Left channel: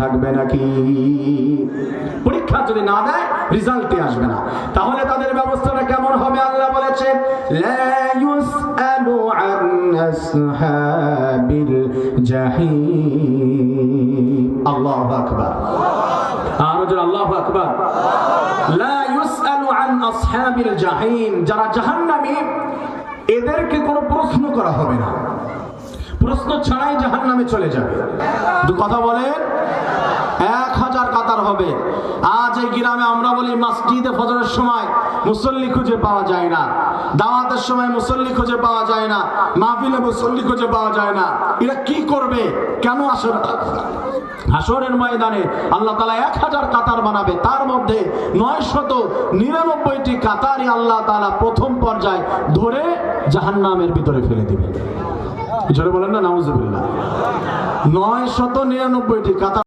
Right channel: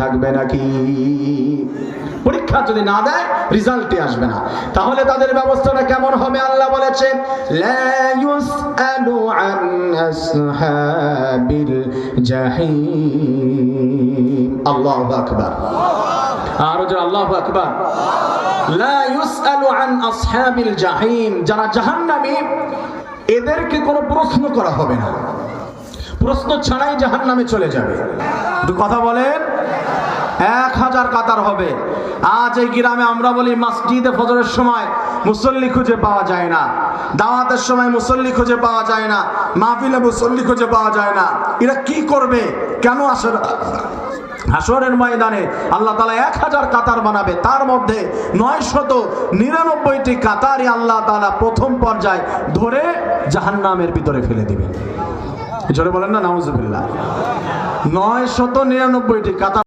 থাকবে নাকি? পরীক্ষা যদি না দেয় রেজাল্টে আসবে না, তাহলে তাদের ব্যবস্থাটা কেমন হবে? আল্লাহ বলেছেন লা ইউসআলু আন আসহাবিল জাহিম। আল্লাহু আকবার। আর যে আল্লাহু আকবার। লা ইউসআলু আন আসহাবিল জাহিম, যারা জাহান্নামী এদেরকে কোনো প্রশ্ন করা হবে না, প্রশ্ন ছাড়াই জাহান্নামে চলে যাবে। দু কথা বলেন, 1000 কাতার হবে। আজ এই গ্রামে আমরা বলি মসজিদে ফজরের সময় মুসল্লি খুঁজে পাওয়া যায় না, দাওয়াতের সময় মুসল্লি খুঁজে পাওয়া যায় না, মাহফিলে মুসল্লি খুঁজে পাওয়া যায় না। এরা কি করবে? কেন আসে না? হাসরের ময়দানে আল্লাহ তাআলা 1000 কাতার বানাবে, তার মধ্যে 999টি কাতারই আল্লাহ তাআলা প্রথম পর্যায়ে ধরে জাহান্নামের ভিতরে ফেলে দিবেন। জোরে বলেন না নাউজুবিল্লাহ। 999টি কাতার